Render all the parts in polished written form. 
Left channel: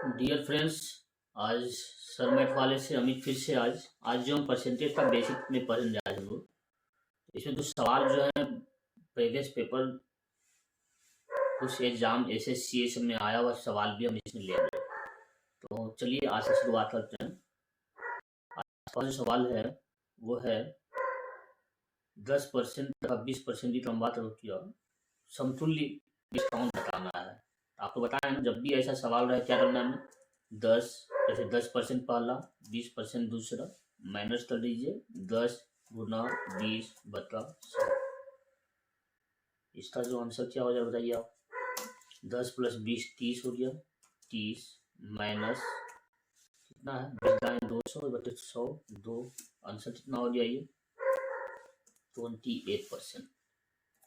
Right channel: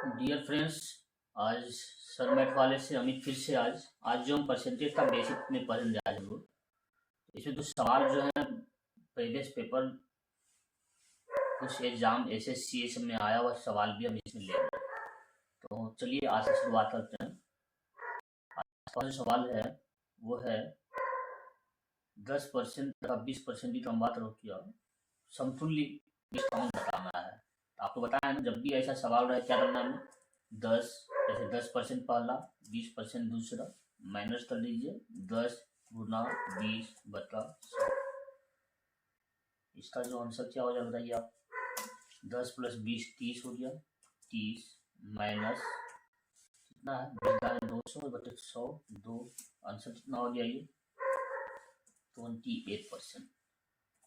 Dear friends, आज सरमेट वाले से अमित फिर से आज जो हम परसेंटेज का बेसिक में पढ़ने जा रहे हैं लोग, इसमें कुछ सवाल जो है प्रीवियस पेपर कुछ एग्जाम एसएससी सब में आया हुआ सवाल भी हम इसमें ले रहे हैं। तो चलिए आज से शुरुआत करते हैं। आज का जो सवाल है वो है 10% का 20% की कम बात होती है, समतुल्य डिस्काउंट बताना है। आपको बताया ना, जब भी ऐसा सवाल रहे क्या करना है, 10 जैसे 10% पहला, 20% दूसरा, माइनस कर लीजिए 10 गुना 20 बटा 100। इसका जो आंसर क्या हो जाए बताइए आप। 10 प्लस 20 30 हो गया, 30 माइनस कितना है 200 बटे 100 2, आंसर कितना हो गया ये 28%।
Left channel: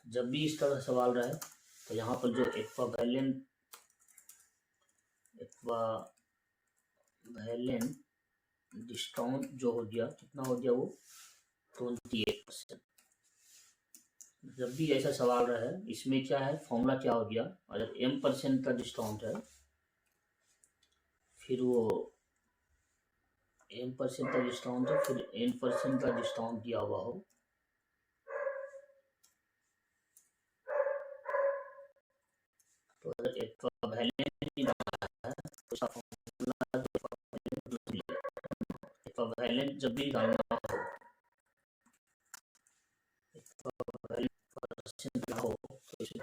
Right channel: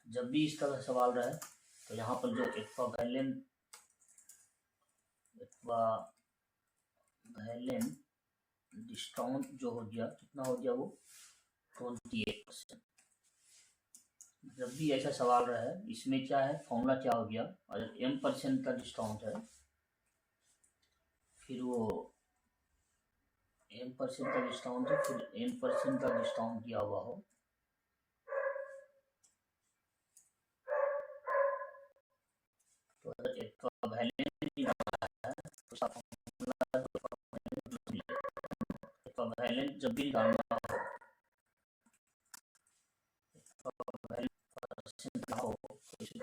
जब भी इस तरह सवाल रहे तो यहाँ पर जो एक्वावेलेंट डिस्काउंट जो हो गया कितना हो गया वो 28%। जब भी ऐसा सवाल रहा है इसमें क्या है फॉर्मूला क्या हो गया, अगर m% का डिस्काउंट है फिर वो m% का डिस्काउंट है फिर n% का डिस्काउंट दिया हुआ हो तो अगर एक्वावेलेंट है तो उसका फॉर्मूला एक्वावेलेंट जब भी डालना हो एक्वावेलेंट का हो तो इसमें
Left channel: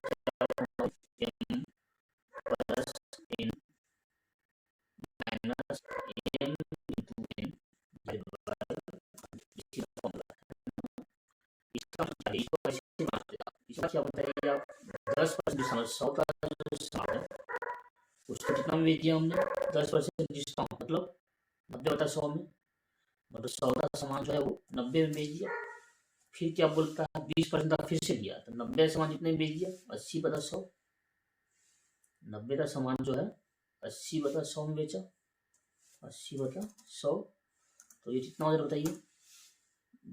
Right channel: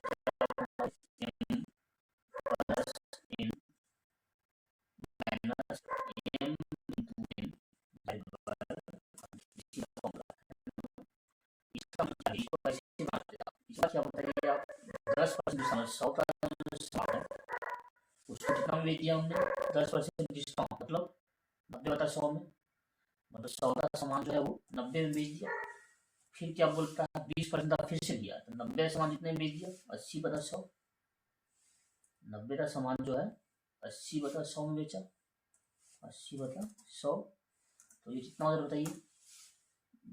m plus n minus m into n इसका मतलब इसको ऐसे मानते हैं। इसका क्या बताइए आप 10% डिस्काउंट 100 का जो डिस्काउंट है उसको कितना में बेच दिया हमने 10% डिस्काउंट मतलब 90 बटा 100 में, मतलब 100 का सामान जो है वो 90 में बेच दिया। फिर क्या बोलता है 20% का फिर से दिया तो 90 का सामान कितने में बेच दिया 80 बटा 100। 90 का सामान जो है 80 बटा 100 में बेचा, 80 बटा 100 तो ये कितना हो जाए बताइए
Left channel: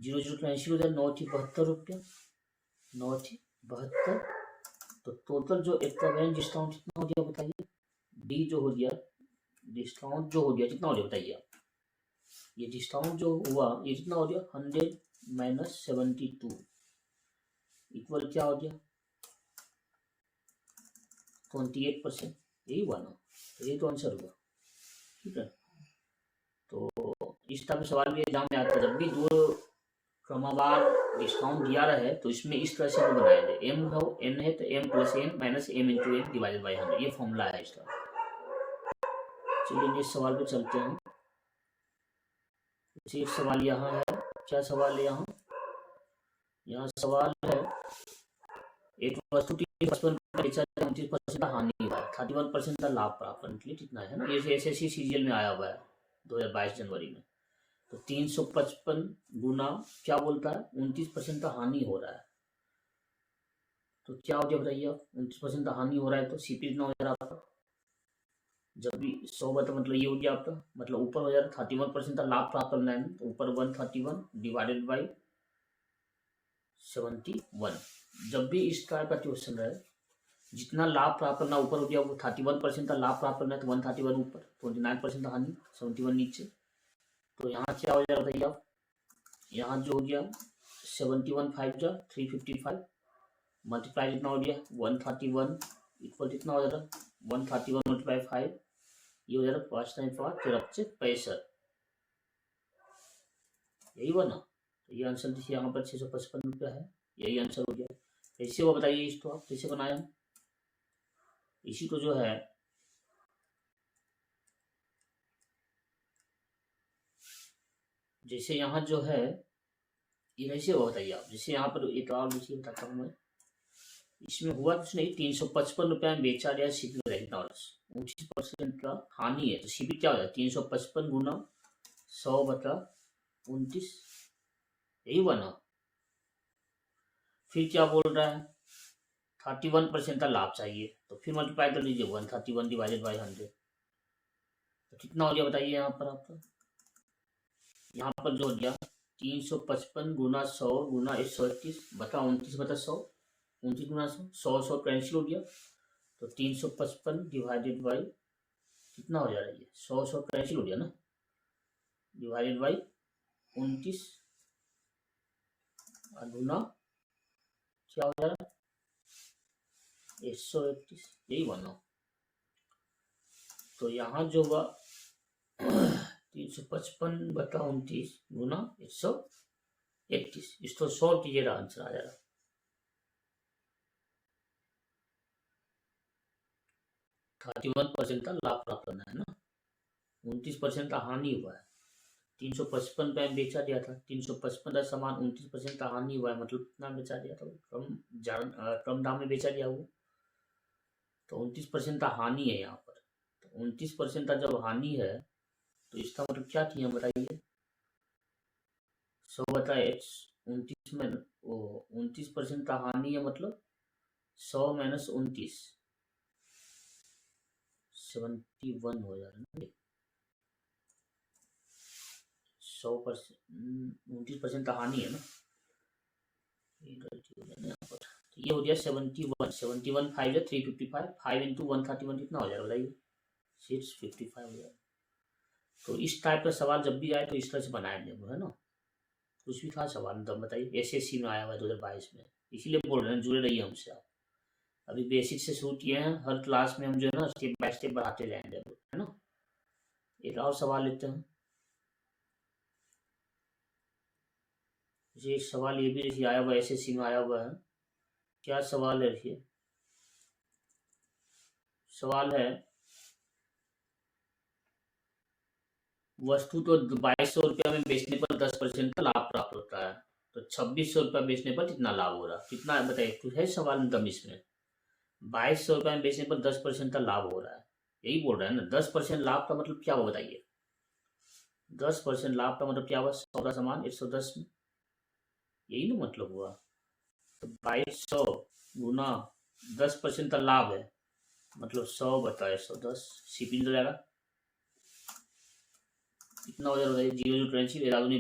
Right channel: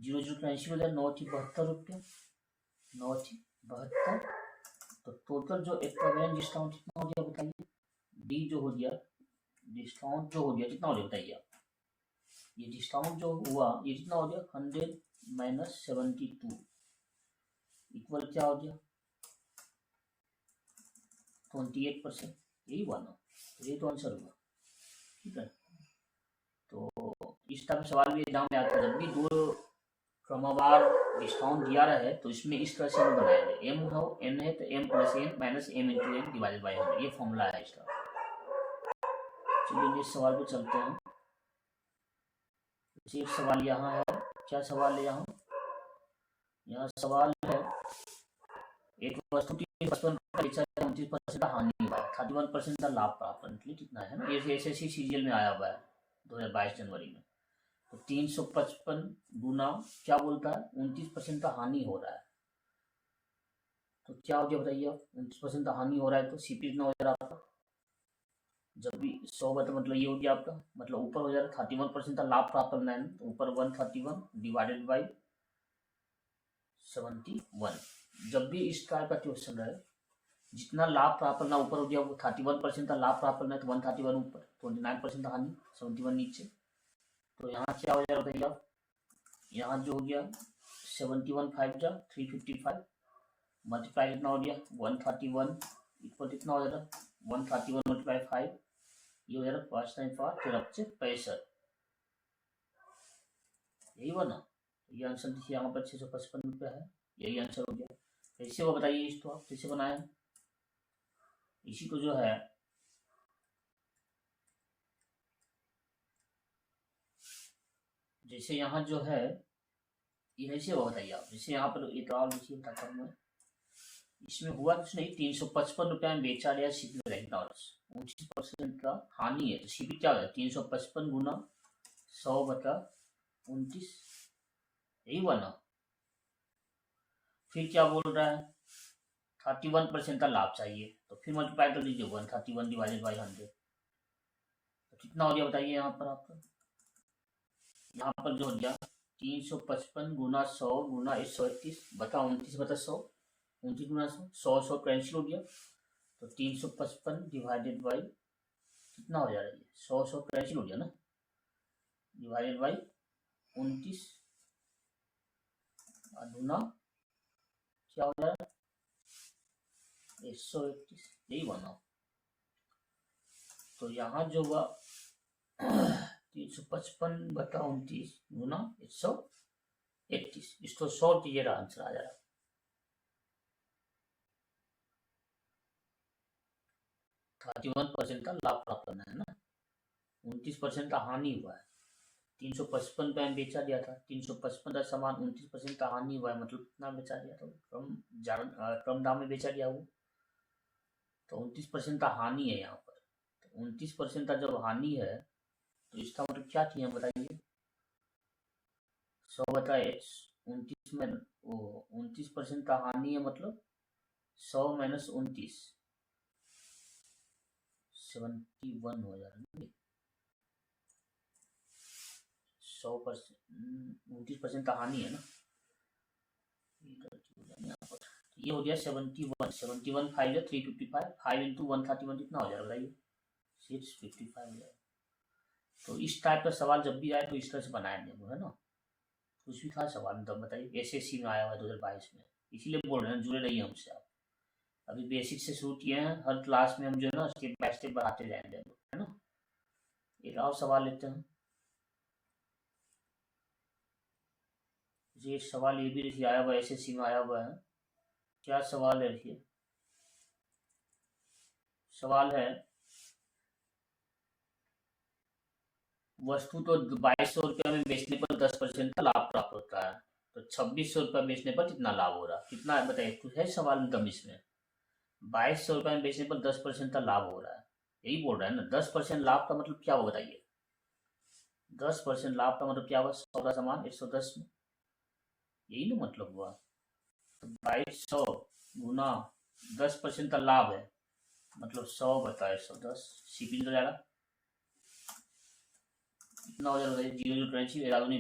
0 ऐसी हो जाए 9 थी 72 रुपया, 9 थी 72। तो टोटल जो एक्वावेलेंट डिस्काउंट कितना हो गया बताइए, डी जो हो गया डिस्काउंट जो हो गया कितना हो गया बताइए आप। ये डिस्काउंट जो हुआ ये कितना हो गया 100 माइनस 72 इक्वल क्या हो गया 28%। यही हुआ ना, तो ये तो आंसर हुआ। ठीक है, तो इस तरह सवाल भी एग्जाम में आता है, जब भी दो क्रमवार डिस्काउंट दिया रहे तो इसमें इस तरह से हम बनाएंगे एम हो एन है तो m plus n minus m into n divided by 100, ये फॉर्मूला है इसका। चलिए इस सवाल पे चलते हैं। एक सवाल यहाँ है, क्या सवाल है यहाँ सवाल है एक वस्तु की 29% हानि हुआ, 31% का लाभ प्राप्त करने के लिए कितना है ना, ये एसएससी सीजीएल में आया हुआ है 2022 जनवरी में। तो 355 गुना क्या बोलता है 29% का हानि हो रहा है, तो क्या हो गया बताइए आप 29% का हानि हो रहा है तो सीपी कितना हो जा रहा है आपका, जब भी 100 बता मतलब ये हो गया आपका, मतलब ऊपर हो जा रहा है 31% का लाभ प्राप्त करना है तो ऊपर 131 डिवाइडेड बाई 71। जब भी इस टाइप का क्वेश्चन है जितना लाभ प्राप्त करना ऊपर हो गया वो 31% का लाभ प्राप्त करना है तो 131 ऊपर 29% हानि 71 नीचे। तो यहाँ क्या हो जाएगा बताइए आप, यहाँ जो हो गया 71 5 जा 355 मल्टीप्लाई कितना हो गया 131 इक्वल कितना हो जाएगा 131 मल्टीप्लाई 5 ये हो जाएगा 5 टाइम 5 फिर 65, यही हुआ ना। तो ये आंसर देखिए यहाँ पर 655 रुपया है, यही आंसर हो गया। कैसे हुआ बताइए, इसको आप कैसे बनाया, इसी को जो है जैसे यहाँ जो है ये कैसे हुआ बताइए आप, जैसे यहाँ पर एक और देखिए बताता हूँ मैं, इसमें हुआ कुछ नहीं 355 रुपया में बेचा गया सीपी रेगनार्स, 29% का हानि है तो सीपी क्या हो जाए 355 गुना 100 बटा 29, यही हुआ ना। फिर क्या बोल रहा है 31% का लाभ चाहिए तो फिर मल्टीप्लाई कर लीजिए 131 डिवाइडेड बाई 100 तो कितना हो गया बताइए यहाँ पर आपका, यहाँ पर जो हो गया 355 गुना 100 गुना 131 बता 29 बता 100, 29 गुना 100 100 कैंसिल हो गया तो 355 डिवाइडेड बाई कितना हो जा रहा है ये 100 कैंसिल हो गया ना, डिवाइडेड बाई 29 गुना क्या हो रहा है 131, यही बना। तो यहाँ जो हुआ 355/29 गुना 131, इसको सॉल्व कीजिएगा आंसर आ जाएगा। 31% का लाभ प्राप्त करना है ना, 29% का हानि हुआ है। 355 पे बेचा दिया था, 355 का सामान 29% का हानि हुआ है, मतलब कितना बेचा दिया था, कम दाम में बेचा दिया वो, तो 29% का हानि है यहाँ पर। तो 29% का जब हानि है तो इसका मतलब क्या किया बताइए, 100 बताए 29 में 29% का हानि है, मतलब 100 माइनस 29 71 हो जा रहा है। 29% का हानि है ना, ये गलती हो जाना यहाँ पर। तो ये हो गया 71 5 है 355, 5 इंटू 131 कितना हो जाएगा बताइए 655 हो जाएगा। तो इस टाइप का सवाल जब भी आए तो इस तरह से बनाएंगे है ना। कुछ भी था सवाल तब बताइए, SSC में आया हुआ 2022 में, इसीलिए बोल रहे हैं जुड़े रहिए हमसे आप। अभी बेसिक से शुरू किए हैं, हर क्लास में हम जो है ना स्टेप बाय स्टेप बढ़ाते जाएंगे है ना। एक और सवाल लेते हैं, एक सवाल ये भी देखिए आया हुआ SSC में आया हुआ है। क्या सवाल है देखिए, सवाल है वस्तु तो 2200 रुपया में बेचने पर 10% का लाभ प्राप्त होता है, तो 2600 रुपया बेचने पर कितना लाभ हो रहा है, कितना बताइए, कुछ है सवाल में दम इसमें। 2200 रुपया में बेचने पर 10% का लाभ हो रहा है, यही बोल रहा है ना। 10% लाभ का मतलब क्या हुआ बताइए, 10% लाभ का मतलब क्या हुआ, 100 का सामान 110 में, यही ना मतलब हुआ। तो 2200 गुना 10% का लाभ है, मतलब 100 बटा 110, सीपी निकल जाएगा कितना हो जाएगा, 0 11 दूनी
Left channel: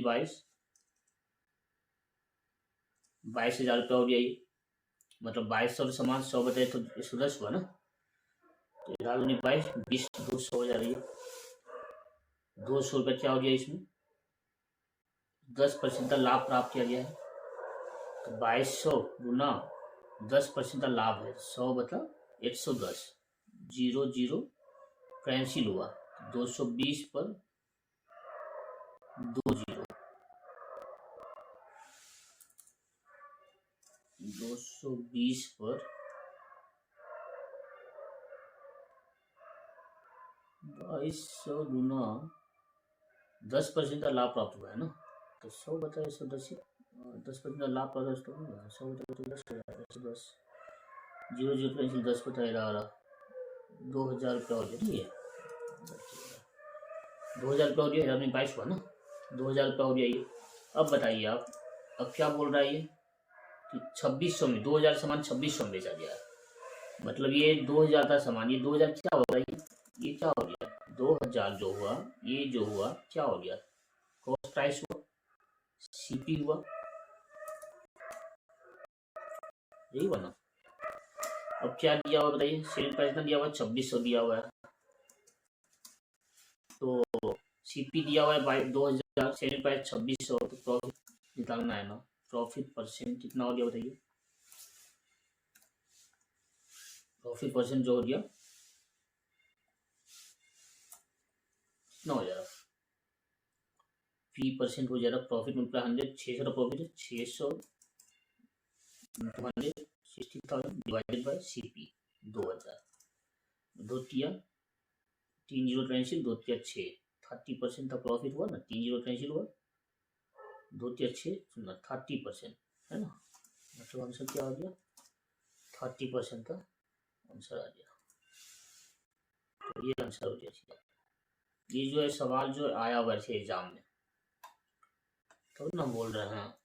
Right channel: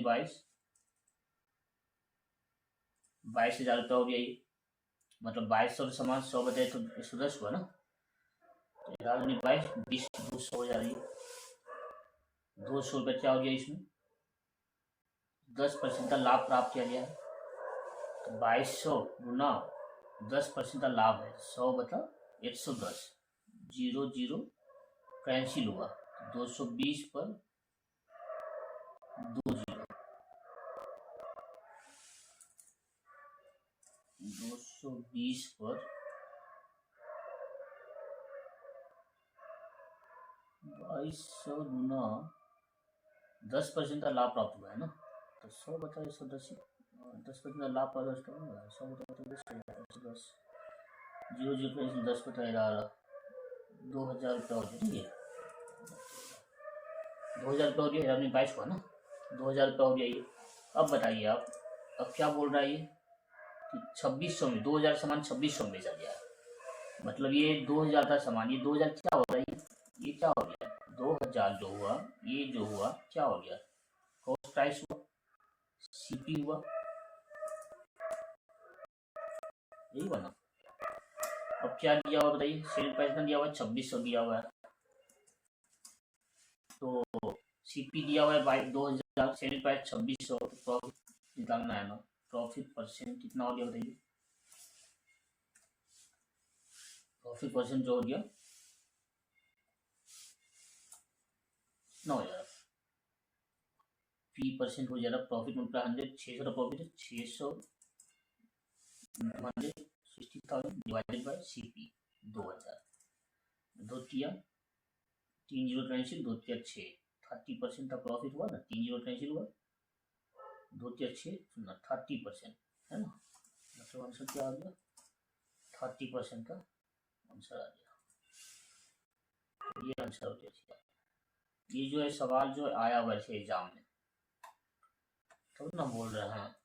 22,000 रुपया हो गया ये, मतलब 2200 सामान 100 बटे तो 110 हुआ ना, तो 11 दूनी 22, 20 200 हो जा रही है। 200 रुपया क्या हो गया इसमें, 10% का लाभ प्राप्त किया गया है। तो 2200 गुना 10% का लाभ है 100 बटा 110, 0 कैंसिल हुआ, 220 पर 2 0, 220 पर 2200 गुना 10% का लाभ प्राप्त हुआ है ना, तो 100 बटा 110, 10% का लाभ प्राप्त हुआ, 100 बटा 110 हो जाएगा 110, 0 कैंसिल, 10 बटा 11, 2000 रुपया हो गया, 2000 रुपया हो गया, 2022 हुआ ना, 2000 रुपया हो गया ये। अब बताइए आप, अब क्या बोल रहा है ये कि 2600 में 2000 सामान 2600 में बेचा गया है, मतलब ये 2000 का सामान, ये 2000 क्या हो रहा है, ये क्या हो गया 2000 जो हुआ, ये जो हुआ क्या हो गया, कॉस्ट प्राइस हुआ, सीपी हुआ, यही बना। अब क्या दिया हुआ बताइए, सेल प्राइस ना दिया हुआ 2600 दिया हुआ है, तो सीपी दिया हुआ है 2000, सेल प्राइस 2600, तो प्रॉफिट निकालना है ना, प्रॉफिट परसेंट कितना हो गया बताइए, प्रॉफिट परसेंट जो हो गया कितना हो जाएगा, P% हो जाएगा, प्रॉफिट मल्टीप्लाई 100, 600 का प्रॉफिट है, 600 100 60,000 डिवाइडेड बाय CP 2000, दो किया 3 0 कैंसिल, 2 किया 6, 30% का प्रॉफिट हुआ ना, 3 0 कैंसिल हुआ, 2 किया 6 सुनना 30% है ना, मतलब आंसर क्या आ गया 30% का आंसर आ गया। तो ये आंसर हो गया। ये जो है सवाल जो आया हुआ है एग्जाम में, तो ना बोल रहे हैं,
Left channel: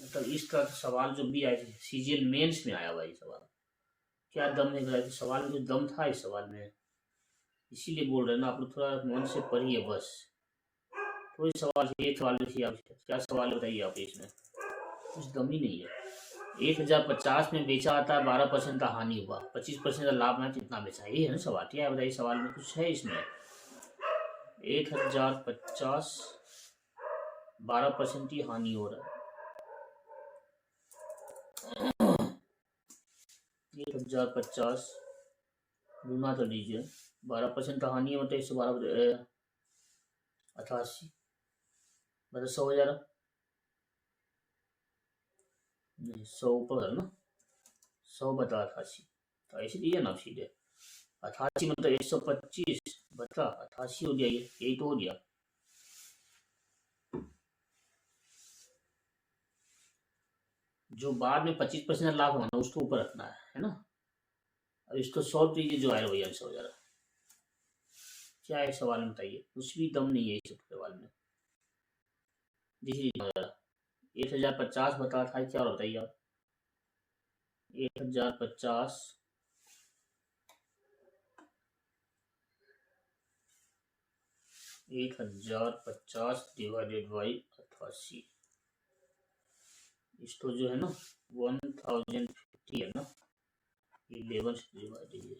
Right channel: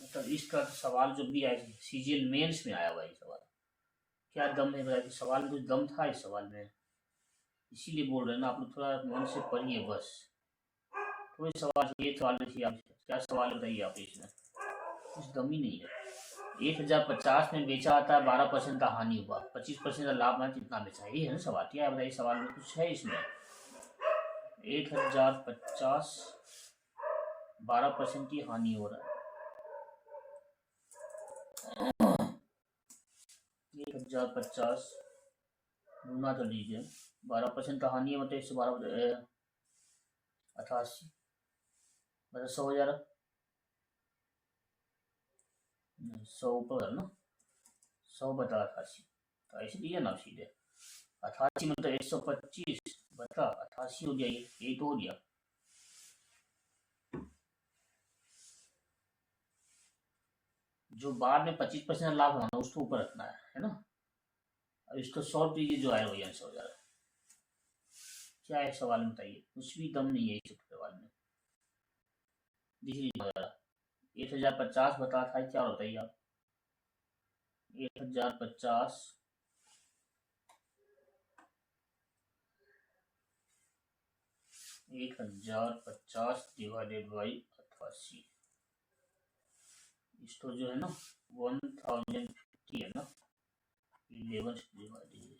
मतलब इस तरह सवाल जो भी आए CGL मेंस में आया हुआ है सवाल, क्या दम है सवाल में, तो दम था इस सवाल में, इसीलिए बोल रहे हैं ना आप लोग थोड़ा मन से पढ़िए बस। कोई सवाल ये सवाल लिखिए आप, क्या सवाल बताइए आप, इसमें कुछ दम ही नहीं है। 1050 में बेचा था, 12% का हानि हुआ, 25% का लाभ है, कितना बेचा? ये है ना सवाल। क्या बताइए सवाल में कुछ है इसमें? 1050, 12% की हानि हो रहा है। 1050 गुना कर लीजिए, 12% का हानि है, मतलब 112, 88, मतलब 100 हो जा रहा, नहीं 100 ऊपर है ना, 100 बता 88, तो ऐसे दिया ना सीधे 88 मतलब 125 बता 88 हो गया, ये यही तो हो गया। जो बाद में 25% लाभ होना उसको ऊपर रखना है ना। अब इसको सॉल्व कीजिए, जो आए वही आंसर हो जा रहा है। क्या है सवाल में बताइए, कुछ भी दम नहीं है इस सवाल में। देखिए 1050 बता था, क्या बताइए आप? 1050 1050 डिवाइडेड बाई 88, इसको जो है ना 1050 है ना, 11 से डिवाइड कीजिए,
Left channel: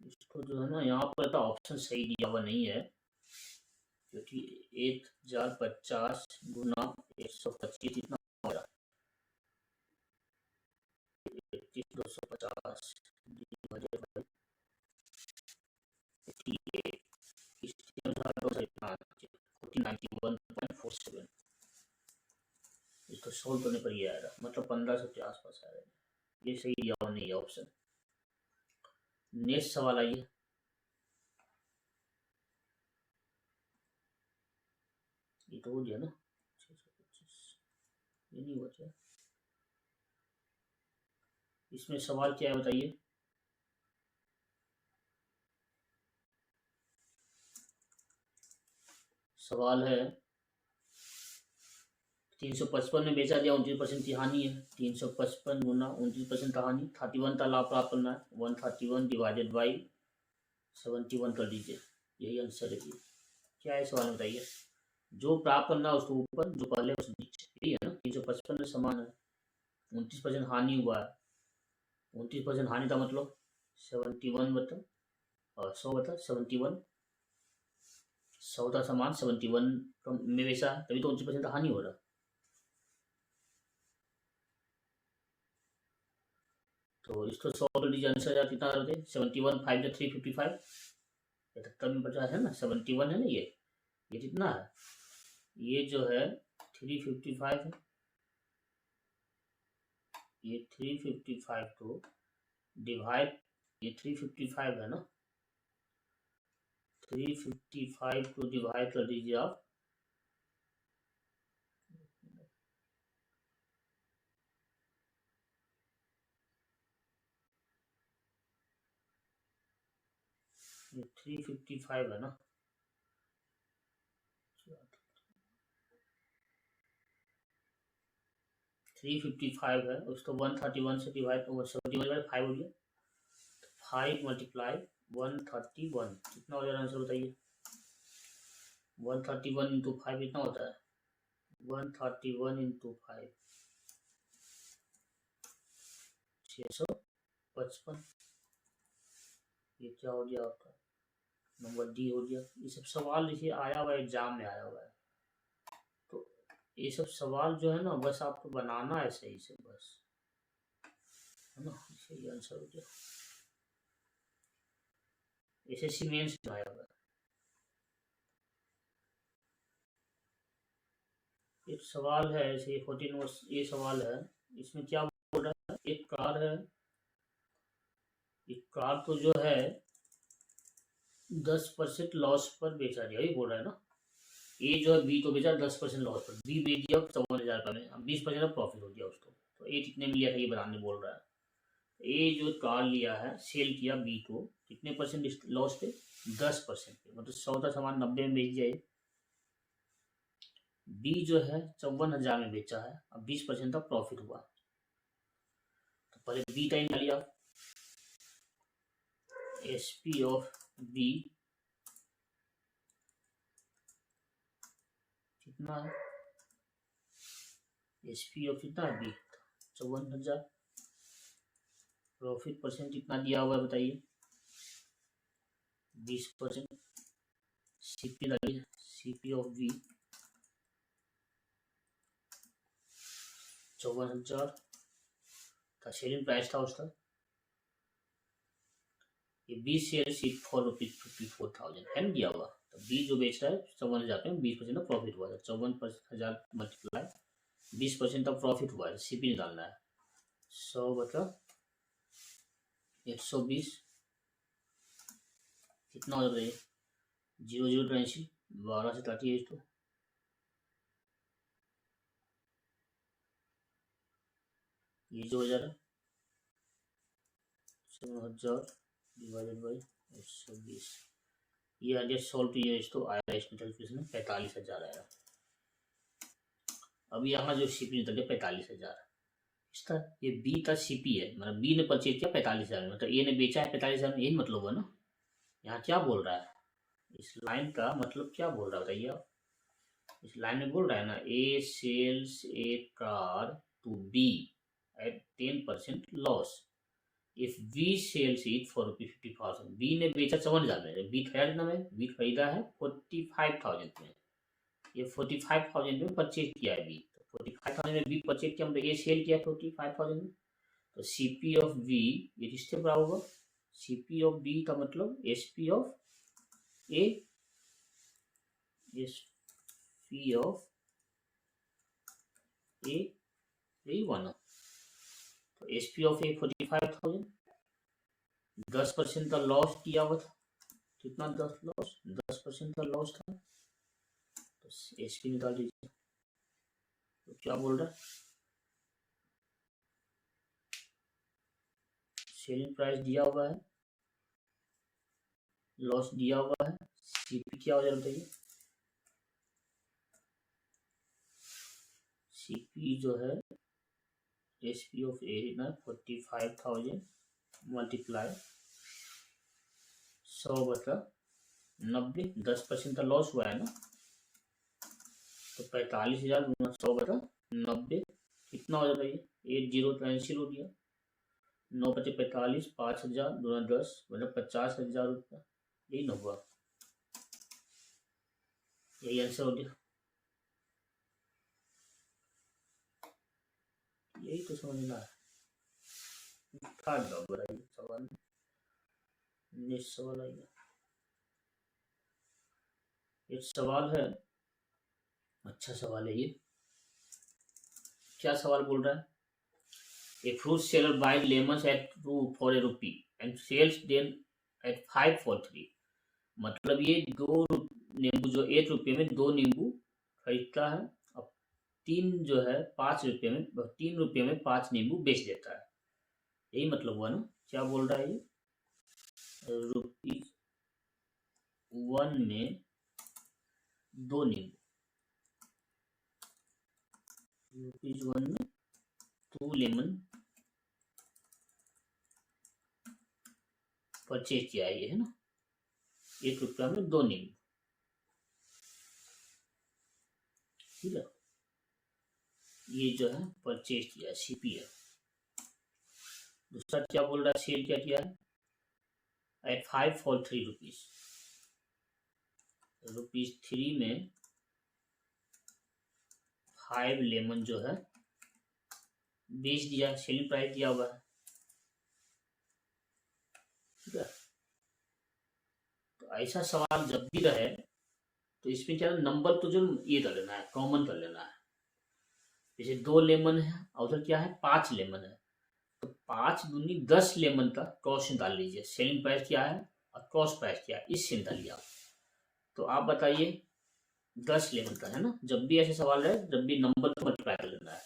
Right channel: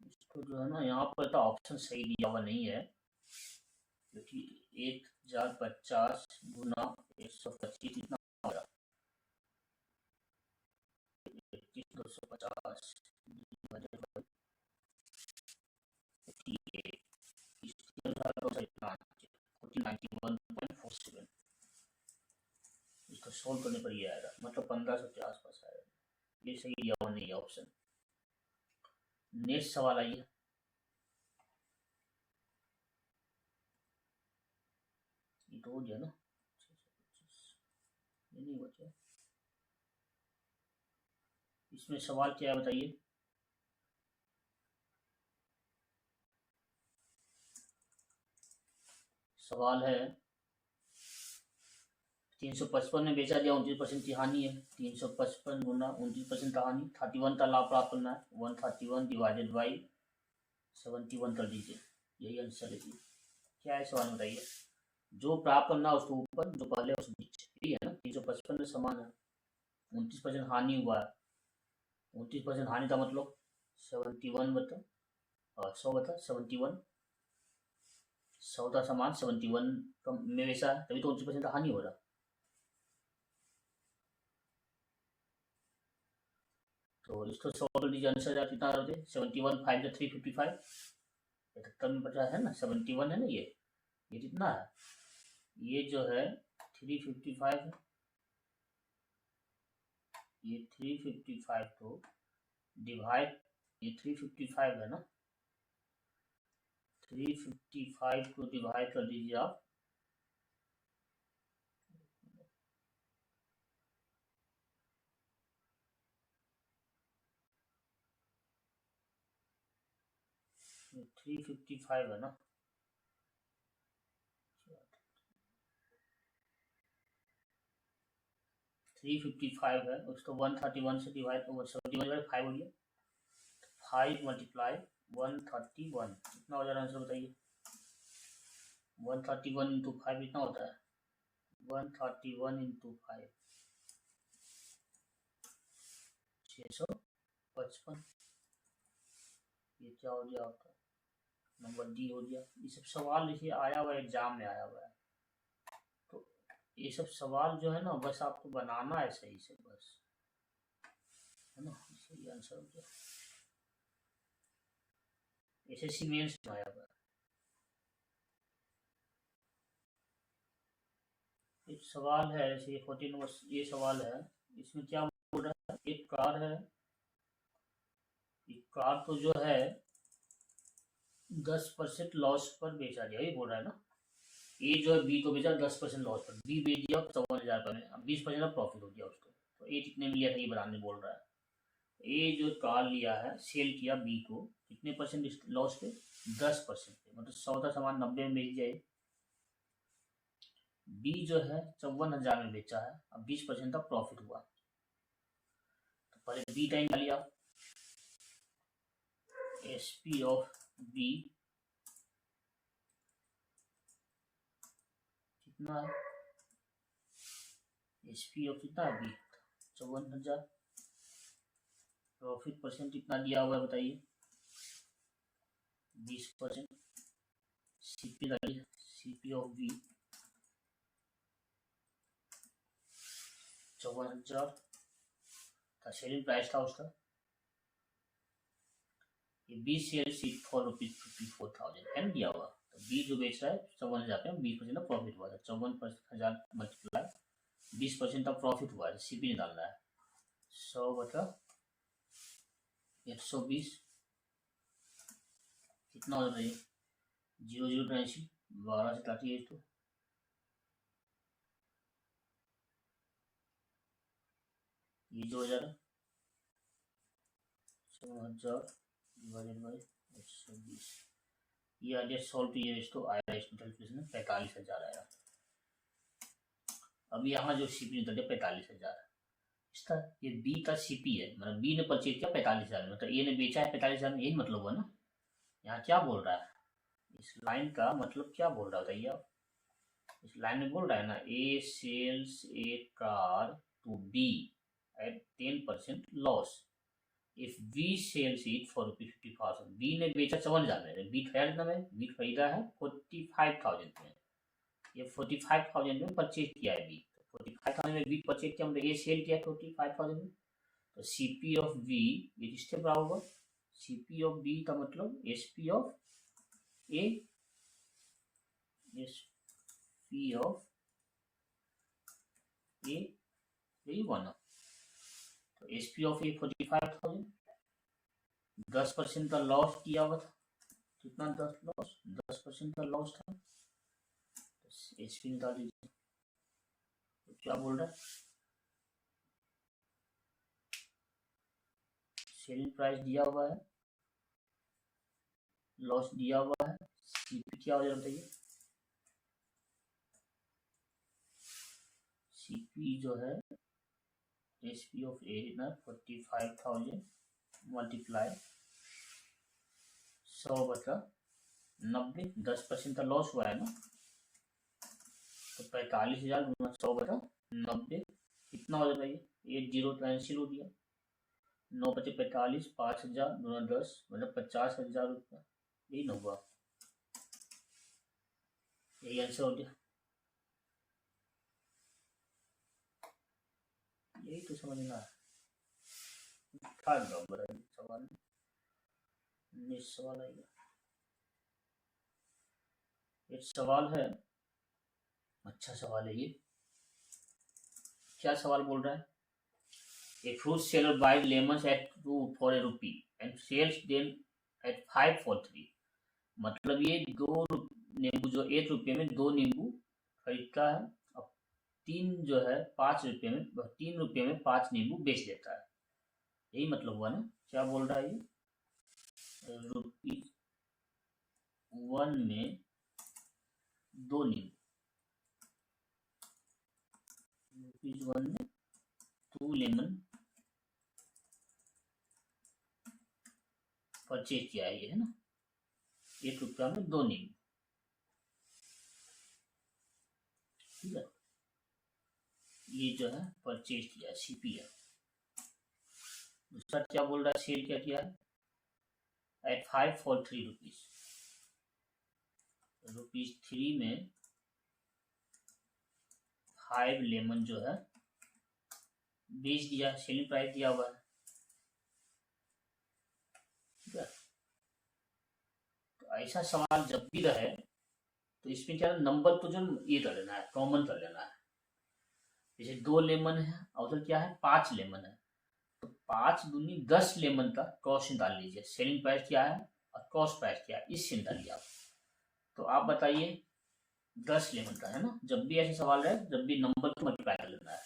इसको जो है ना, यहाँ पर तो ऑप्शन सही दिया हुआ नहीं है, क्योंकि 1050 गुना 125 कितना हो रहा है? 250 डिवाइडेड बाई 58, इसके अनुसार तो सही ना 1491.47, इसको सोल्व करने पर ये आएगा, मतलब 1500 के आसपास आएगा। ये सही दिया हुआ नहीं है ऑप्शन। नेक्स्ट सवाल आइए। ये तो हो गया ना 625, ये नहीं बचा। इसमें सवाल क्या है बताइए? सवाल है 355 में बेचा गया, 29% की हानि है, 355 गुना 29% का हानि, 31 का लाभ प्राप्त करना है, 131 डिवाइडेड बाई 71 कर लीजिए, यही आंसर है। क्या है सवाल बताइए? जो प्राप्त करना है उसको ऊपर, जो पहले उसको नीचे, यही है ना। 355 में समान है, 29% हानि हुआ है, 29% हानि का मतलब 71 बता 100 बता 71, 100 का समान 71 में बेचा है, तभी तो 29% का हानि हो रहा है। तो इसको 100 कर लीजिए, आंसर कितना आ रहे थे? 71 5 या 355, 75 में बचा है ना, 71 है ना, ये कितना है? ये जो है 355 है, ये 355 को डिवाइड, ये 355 है ना, 355 को डिवाइड कर दीजिए आप, ये 355 है ना, 355 है, उसको 131 से डिवाइड, 71/5 हो गया, 5 मल्टीप्लाई 131, कितना हो जाएगा आंसर बताइए? 131 इंटू 5 कितना होता है? 131 इंटू 5 655, ये क्या हो गया आपका? नंबर डी हो गया। ये सब सवाल देखिए आया हुआ है, एग्जाम में आया हुआ है, तो ये सब सवाल जो है ना, बस आपको बनाना है सही से, बस है ना, सही आंसर हो गया। एसएससी मेंस में आया हुआ है। एक सवाल है ऐसे 14 वर्ष, ये सवाल है, इसमें क्या बोल रहा है? एक कार है, एक कार तो जो है 10% लॉस पर बेचा गया, ये बोल रहा है ना। ए जो है बी को बेचा 10% लॉस पर, बी बेच दिया 54,000 रुपये में, 20% का प्रॉफिट हो गया उसको, तो ए कितने में लिया था ये बनाने बोल रहा है। ए जो कार लिया है, सेल किया बी को कितने परसेंट लॉस पे? 10% पे, मतलब 100 का सामान 90 में बेच दिया। बी जो है 54,000 में बेचा है, अब 20% का प्रॉफिट हुआ, तो पहले बी टाइम लिया, एस पी ऑफ बी कितना है, एसपी ऑफ कितना है बी 54,000। प्रॉफिट परसेंट कितना दिया हुआ है बताइए, 20%। सीपी डालिए, सीपी ऑफ बी 54,000 का सेलिंग प्राइस था उसका। ये 20 शेयर सिर्फ ₹454,000 है ना दिया हुआ, तो बी जो बेच रहा है 54,000 में 20% प्रॉफिट हुआ था। 54,000 मल्टीप्लाई 20% ऑफ प्रॉफिट हुआ है, सीपी निकालना है। 100 बटा 120 कितना हो जाता है, 0,083 12 से काटिए इसको, ये जो हो जा रहा 7,000 डिवाइडेड बाई 120, ये आ गया सॉल्व टू ये तो आया इसमें कैलकुलेशन 45,000 आया। अब यहाँ जो सीपी निकल गया 45,000 इसका, ये बी का सीपी है, मतलब बी ने परचेज किया 45,000 में, मतलब ए ने बेचा है 45,000 में, यही मतलब हुआ ना। यहाँ क्या बोल रहा है, इस लाइन का मतलब क्या बोल रहा है आप, इस लाइन में बोल रहा है ना, A sells a car to B at 10% loss if B sells it for ₹50,000। B ने बेचा 54,000 में, बी खरीदा में, बी खरीदा है 45,000 में, ये 45,000 में परचेज किया है बी, 45,000 में बी परचेज किया, मतलब ये सेल किया 45,000 में, तो सीपी ऑफ बी ये किसके बराबर होगा, सीपी ऑफ बी का मतलब SP of A, SP of A, यही हुआ ना। तो एसपी ऑफ ए 45,000, 10% का लॉस किया हुआ था, कितना 10% का लॉस था, तो एसपी निकाल लीजिए। तो क्या बोल रहा है, सेलिंग प्राइस दिया हुआ है, लॉस दिया हुआ है, सीपी क्या हो जाएगा बताइए, सीपी जो है एसपी ऑफ ए ना 45,000 मल्टीप्लाई 100 बटा 90, 10% का लॉस हुआ है ना, तो 45,000 गुना 100 बटा 90 कितना हो जाता है, 80 कैंसिल हो गया, 9 बचे 45, 5,000 गुना 10 मतलब 50,000 रुपया, यही ना हुआ, यही आंसर हो गया। यही तो समझना है, सवाल नेक्स्ट सवाल आएगा, एक सवाल है, अच्छा सवाल है ये। क्या सवाल बोल रहा है, a fruit seller buy lemons at 2 for ₹1 and sells them at 5 for 3, मतलब ये 2 नींबू जो ₹1 में 2 नींबू खरीदता है, अब 3 जो है ₹5 में, ₹3 में 5 नींबू बेच देता है, यही मतलब हुआ ना। क्या बोल रहा है ये, ₹1 में 2 नींबू, ₹1 में 2 लेमन परचेज किया है, ये है ना, ₹1 में 2 नींबू, ठीक है, ये जो है परचेज किया सीपी है। दूसरा क्या बोल रहा है, सेल क्या किया है एट 5 for ₹3, ₹3 में 5 लेमन जो है बेच दिया, सेलिंग प्राइस दिया हुआ है, ठीक है। तो ऐसा सवाल जब भी रहे तो इसमें क्या नंबर तो जो ये कर लेना है, कॉमन कर लेना है, जैसे 2 लेमन है और उधर क्या है 5 लेमन है, तो 5 दूनी 10 लेमन का कॉस्ट निकाल लीजिए, सेलिंग प्राइस क्या है और कॉस्ट प्राइस क्या है, इससे निकालिए आप। तो आप बताइए 10 लेमन का है ना, जब भी ऐसे सवाल रहे जब भी नंबर को मल्टीप्लाई कर लेना है,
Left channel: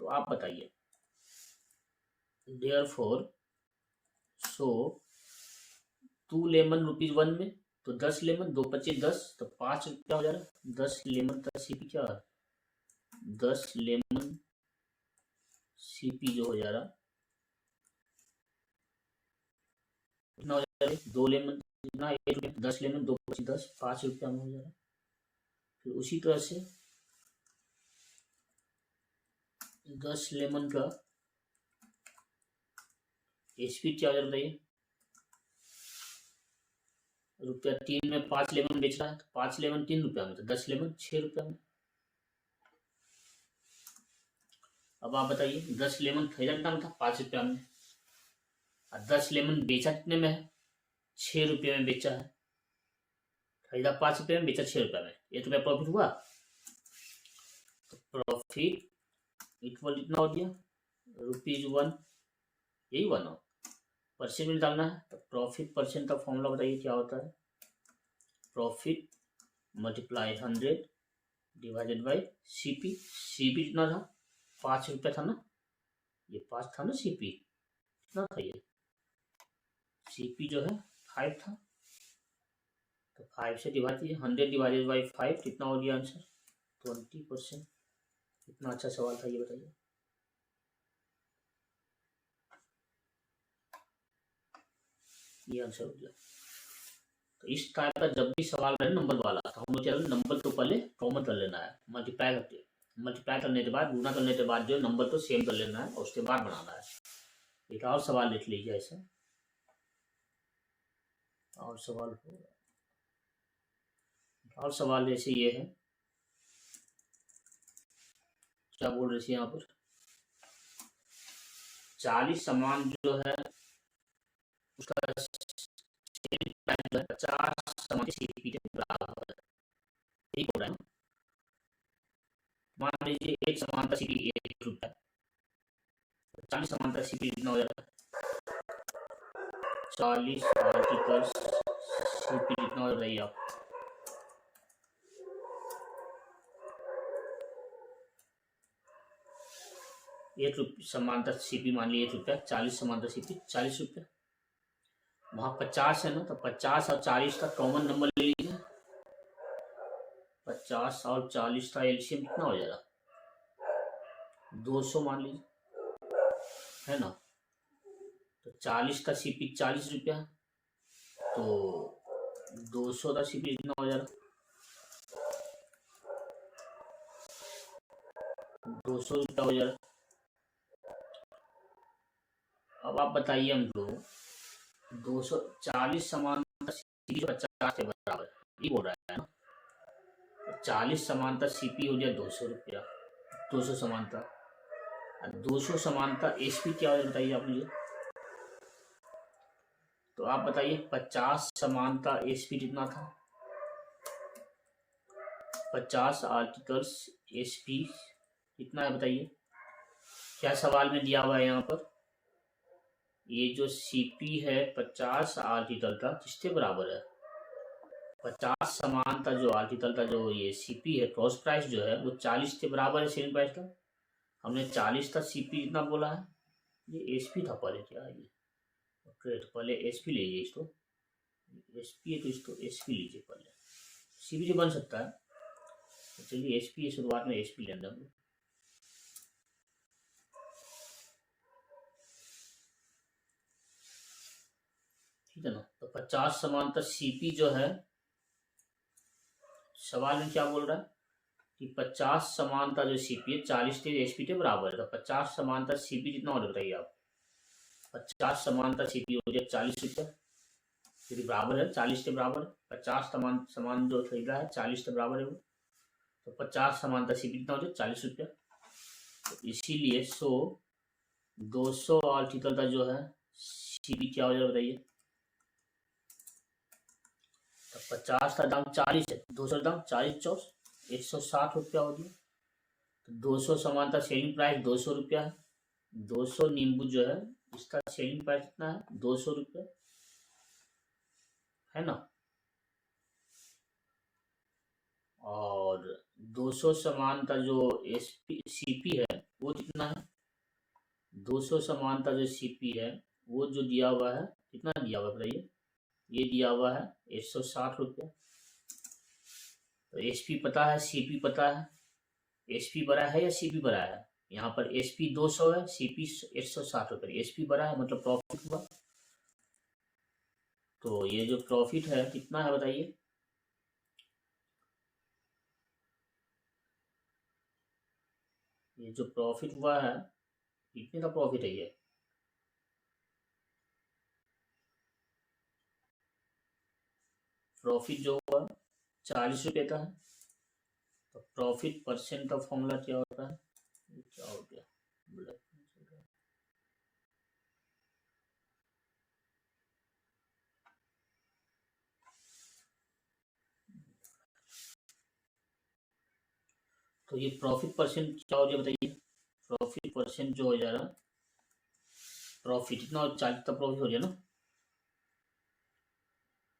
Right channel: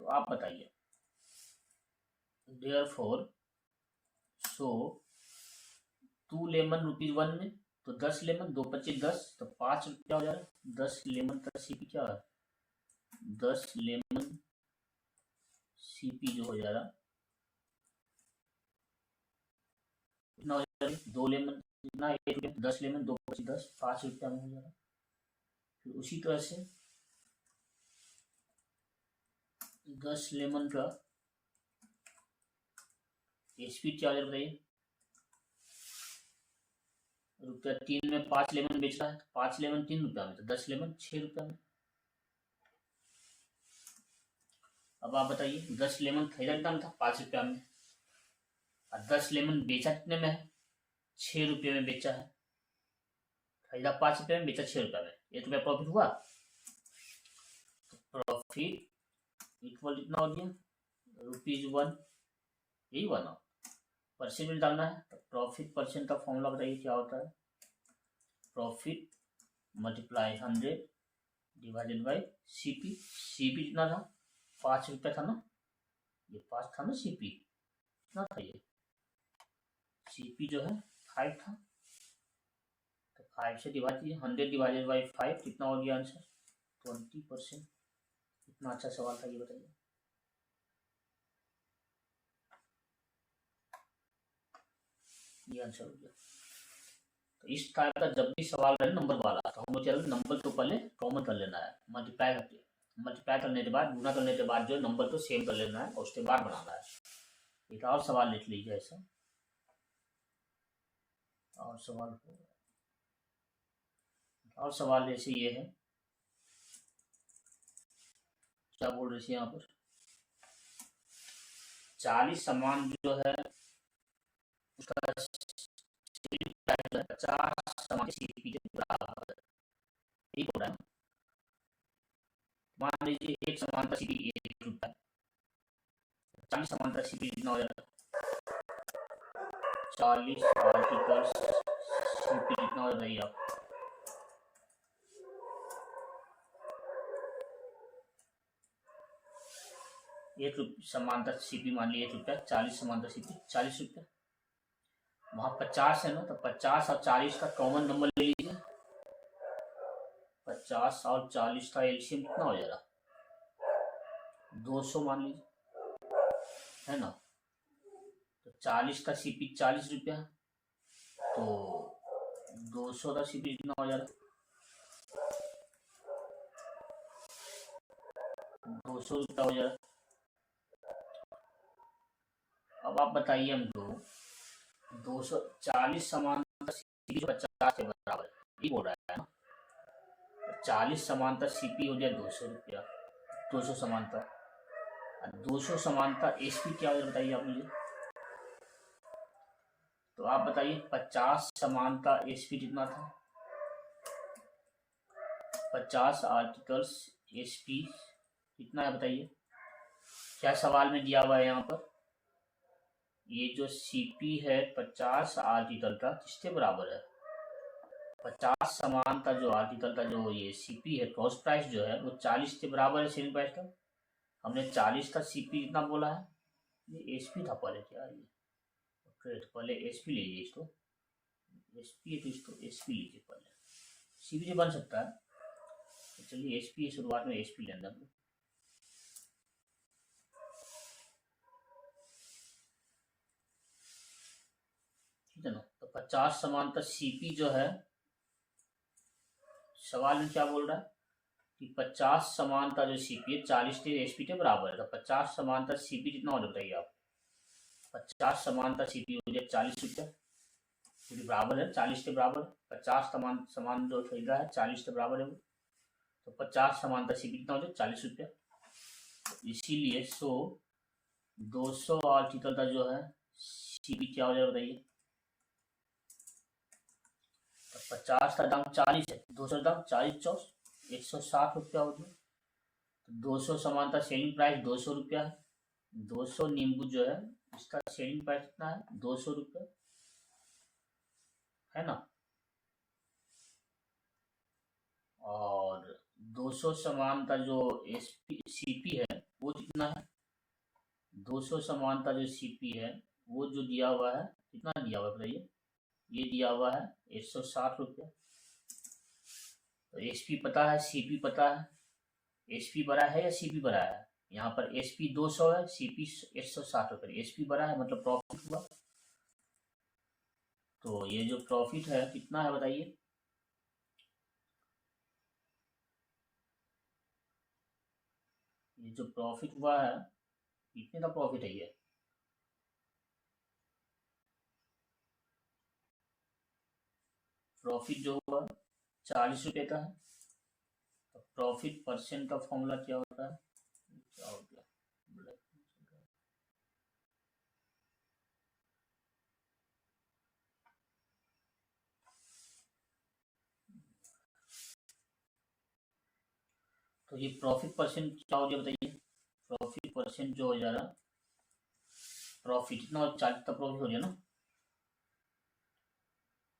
तो आप बताइए देयरफॉर सो 2 लेमन ₹1 में, तो 10 लेमन 2 25 10, तो ₹5 हो जा रहा है, 10 लेमन का सीपी क्या है, 10 लेमन सीपी जो हो जा रहा कितना हो जा रहा है, 2 लेमन कितना 1 रुपये, 10 लेमन 2 25 10, 5 रुपया में हो जा रहा है। फिर उसी तरह से 10 लेमन का एसपी क्या हो रही है, रुपया 3 में 5 लेमन बेच रहा है, 5 लेमन 3 रुपया में, तो 10 लेमन 6 रुपया में। अब आप बताइए 10 लेमन खरीदा कितना में था, 5 रुपया में, और 10 लेमन बेचा कितने में है, 6 रुपये में बेचा है। खरीदा 5 रुपये में, बेचा 6 रुपया में, ये तो क्या प्रॉफिट हुआ। तो प्रॉफिट इक्वल कितना हो गया, ₹1, यही 1 हो। परसेंट में डालना है, तो प्रॉफिट परसेंट का फॉर्मूला बताइए क्या होता है, profit multiply 100 divided by CP. CP कितना था, 5 रुपया था ना, ये 5 था ना, सीपी कितना था, ये सीपी जो है 5 था, तो 5 से डिवाइड कीजिए, 100 डिवाइडेड बाई 5 कितना हो गया आंसर, 20%। इतना अच्छा सवाल था, ये बताइए। ये आंसर हो गया। तो इस टाइप का जब भी सवाल रहे नंबर वाला, तो हम लोग नंबर को पहले कॉमन कर लेना है, मल्टीप्लाई करने के बाद, गुना करने के बाद जो नंबर को सेम कर लेना है और उसके बाद बनाना है। एक और सवाल लिख लीजिए ऐसा, और सवाल जैसे ये है, क्या बोल रहे थे यहाँ पर, 40 सामान जो है उसका 50 सामान सीपी के बराबर है, यही बोल रहा है। मान लीजिए एक सामान का सीपी 1 रुपया, 40 सामान का सीपी कितना हो जाता है, 40 आर्टिकल्स सीपी कितना हो रही है आप, समांतर सीपी मान लीजिए 1 रुपया, 40 समांतर सीपी 40 रुपया, वहां 50 है ना, तो 50 और 40 का कॉमन नंबर ले लीजिए, 50 और 40 का एलसीएम कितना हो जाएगा, 200 मान लीजिए, है ना। तो 40 का सीपी 40 रुपया, तो 200 का सीपी कितना हो जाएगा, 200 रुपया हो जाएगा। अब आप बताइए हमको, 240 समानता सीपी 50 के बराबर, ये बोल रहा है ना, 40 समानता सीपी हो गया 200 रुपया, 200 समानता, 200 समानता एसपी क्या है बताइए आप मुझे। तो आप बताइए 50 समानता एसपी कितना था, 50 आर्टिकल्स एसपी कितना है बताइए, क्या सवाल में दिया हुआ है यहाँ पर, ये जो सीपी है 50 आर्टिकल का किसके बराबर है, 50 समानता जो आर्टिकल का जो ये सीपी है, कॉस्ट प्राइस जो है वो 40 के बराबर है सेलिंग प्राइस का। हमने 40 था, सीपी कितना बोला है, ये एसपी था पहले, क्या ये ट्रेड, पहले एसपी लीजिए इसको, एसपी है तो इसको एसपी लीजिए पहले, सीपी जो बन सकता है, तो चलिए एसपी शुरुआत में एसपी लेना हम, ठीक है ना। तो 50 समानता सीपी जो है, सवाल में क्या बोल रहा है कि 50 समानता जो सीपी है 40 के एसपी के बराबर है, तो 50 समानता सीपी कितना हो बताइए आप, 50 समानता सीपी हो जाए 40 रुपया, क्योंकि बराबर है 40 के बराबर, 50 सामान जो खरीदा है 40 के बराबर है वो, तो 50 समानता सीपी कितना हो जाए 40 रुपया। तो इसीलिए 200 आर्टिकल का जो है सीपी क्या हो जाए बताइए, 50 का दाम 40 है, 200 का दाम 40 चौस 160 रुपया हो गया। तो 200 समानता सेलिंग प्राइस 200 रुपया है, 200 नींबू जो है इसका सेलिंग प्राइस कितना है 200 रुपया, है ना। और 200 समानता जो सीपी है वो कितना है, 200 समानता जो सीपी है वो जो दिया हुआ है कितना दिया हुआ बताइए, ये दिया हुआ है 160 रुपया। तो एसपी पता है, सीपी पता है, एसपी बड़ा है या सीपी बड़ा है, यहाँ पर एसपी 200 है, सीपी 160 रुपये, एसपी बड़ा है मतलब प्रॉफिट हुआ। तो ये जो प्रॉफिट है कितना है बताइए? ये जो प्रॉफिट हुआ है कितने का प्रॉफिट है ये? प्रॉफिट जो हुआ 40 रुपये का है। तो प्रॉफिट परसेंट का फॉर्मूला क्या होता है? क्या हो गया? तो ये प्रॉफिट परसेंट क्या हो गया बताइए? प्रॉफिट परसेंट जो हो जा रहा, प्रॉफिट इतना 40 का प्रॉफिट हो गया ना,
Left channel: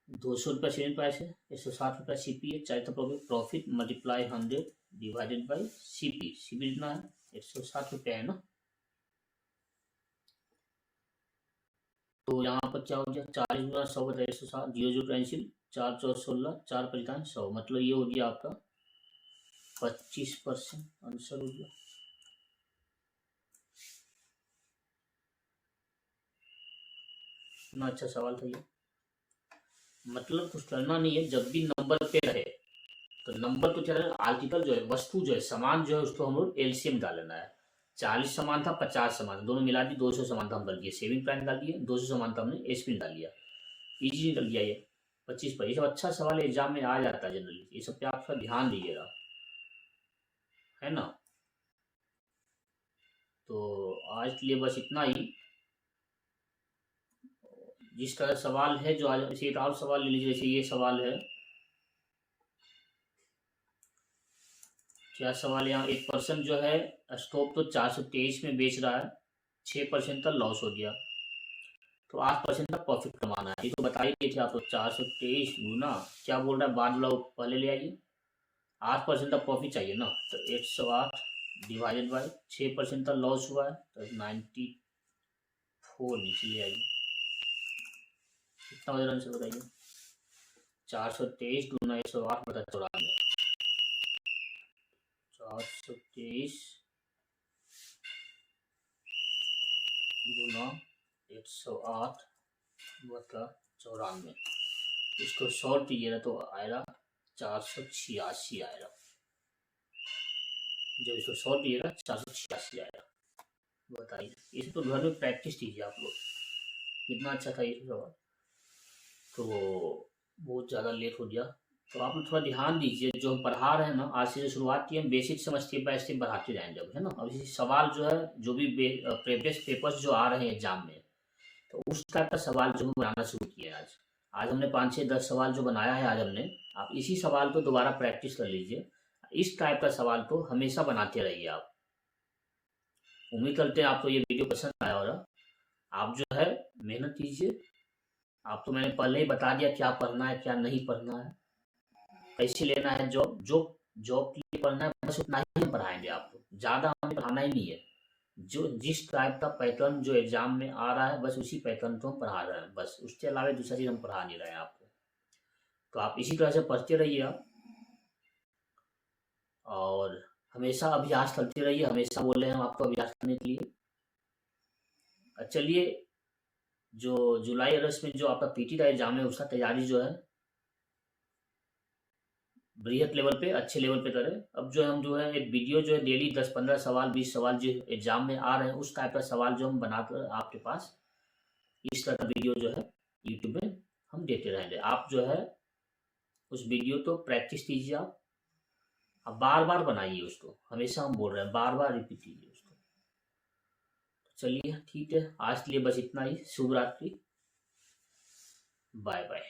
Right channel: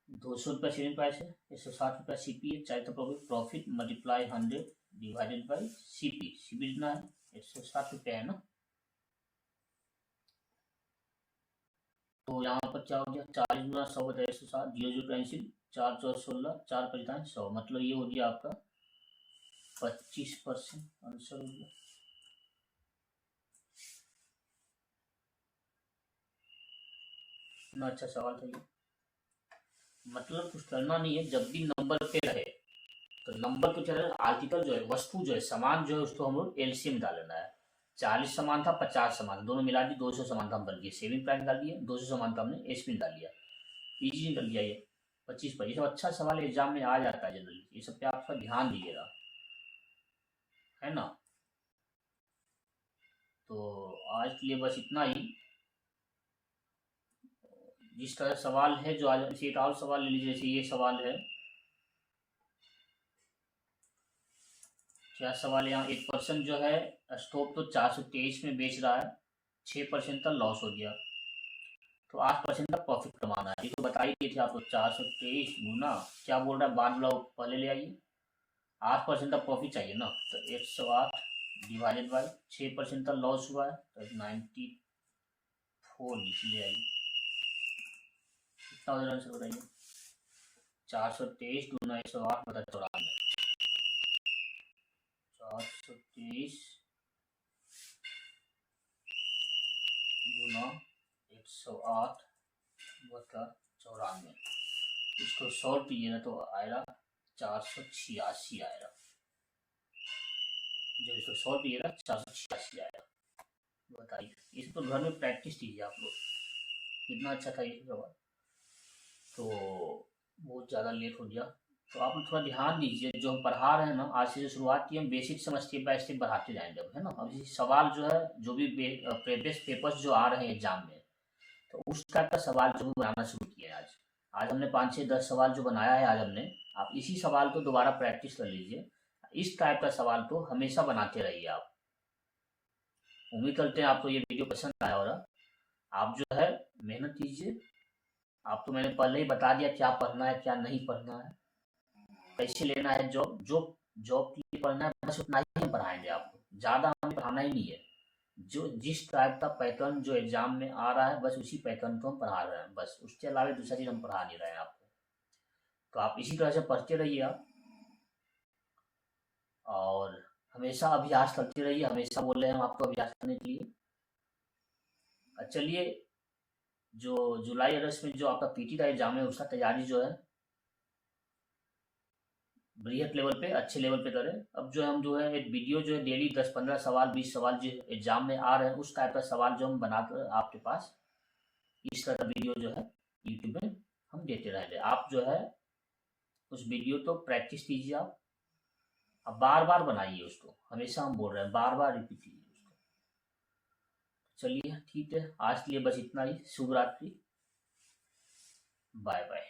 200 रुपया सेलिंग प्राइस है, 160 रुपया सीपी है, 40 का profit multiply 100 divided by CP. CP कितना है? 160 रुपया है ना। तो यहाँ पर क्या हो गया? 40 गुना 100 बटा 160, 0 कैंसिल, 4 4 16, 4 55 100, मतलब ये हो गया आपका 25% आंसर हो गया। इतना अच्छा सवाल था ये। मतलब कुछ करना नहीं है, जब भी नंबर पे रहे तो नंबर को क्या है, आर्टिकल जो है, वस्तु जो है, सामान जो है, उसको हम लोग एलसीएम डालना है। 40 सामान था, 50 सामान था, दोनों मिला दी 200 सामान था, हम कर दिए सेविंग प्लान डाल दिए, 200 सामान था हमने एसपी डाल दिया, इजी निकल गया ये 25 पर। ये सब अच्छा सवाल एग्जाम में आ जाता है जनरली, ये सब पे आप थोड़ा ध्यान दीजिएगा, है ना। तो आज के लिए बस इतना ही। जिस तरह सवाल है जो आज, इसे एक और सवाल ले लीजिए, जैसे ये सवाल है, क्या सवाल यहाँ, एक पर्सन जो है स्टॉक तो 423 में बेच रहा है, 6% का लॉस हो गया, तो 8% का प्रॉफिट कमाना है। ये तो बताइए थे आपको, 423 गुना क्या बोल रहा है, बाद वाला पहले ले आइए, 8% का प्रॉफिट चाहिए ना, तो 108 डिवाइडेड बाई 6% का लॉस हुआ है, तो 94 नीचे ले आइए। कितना हो आंसर बताइए? 423 गुना 108 बटा 94, 423 गुना 108 बटा 94, इसको सॉल्व कीजिएगा तो आएगा 486 आएगा। जब इसको सॉल्व कीजिएगा 486 आएगा। बताइए, इसे तो घर में प्रैक्टिस कीजिए आप लोग। कितना अच्छा था ये सवाल। तो बहुत ज़्यादा लेट हो गया, तो आप लोग थोड़ा ध्यान दीजिए, जो हम पढ़ा रहे हैं ना, आज से जो शुरुआत की हम बेसिक समझ स्टेप बाय स्टेप बढ़ाते जाएंगे अब, है ना। अब इसी सवाल जो है, जो भी प्रीवियस पेपर्स जो आ रहे हैं एग्जाम में, तो उस टाइप का सवाल जो हम बनाना शुरू किए आज। आज हमने 5 6 10 सवाल जो बनाया है आज हमने, आप इसी सवाल को दोबारा प्रैक्टिस कर लीजिए। इस टाइप का सवाल तो हमेशा बनाते रहिए आप। उम्मीद करते हैं आपको ये वीडियो पसंद आया होगा। आप जो है मेहनत कीजिए। आप तो मैंने पहले ही बता दिया क्या पढ़ना है क्या नहीं पढ़ना है, कैसे लेना है जॉब, जो जॉब के लिए पढ़ना है बस उतना ही हम पढ़ाएंगे आपको, ज़्यादा हमें पढ़ाना ही नहीं है। जो जिस टाइप का पैटर्न जो एग्जाम में आ रहा है बस उसी पैटर्न को हम पढ़ा रहे हैं, बस उसके अलावा दूसरा चीज़ हम पढ़ा नहीं रहे हैं आपको। तो आप इसी तरह से पढ़ते रहिए आप, और हमेशा अभ्यास करते रहिए, हमेशा बोल रहे हैं हम आपको अभ्यास करने के लिए। चलिए, जो जुलाई अगस्त में जो आपका पीटी का एग्जाम है उसका तैयारी जो है बृहत लेवल पे, अच्छे लेवल पे करें। अब जो हम जो है एक वीडियो जो है डेली 10 15 सवाल 20 सवाल जो एग्जाम में आ रहे हैं उस टाइप का सवाल जो हम बनाकर आपके पास इस तरह का वीडियो जो है यूट्यूब में हम देते रहेंगे। आप जो है उस वीडियो को प्रैक्टिस कीजिए, आप बार बार बनाइए उसको, हमेशा हम बोल रहे हैं बार बार रिपीट कीजिए उसको। चलिए ठीक है, आज के लिए बस इतना ही। शुभ रात्रि, बाय बाय।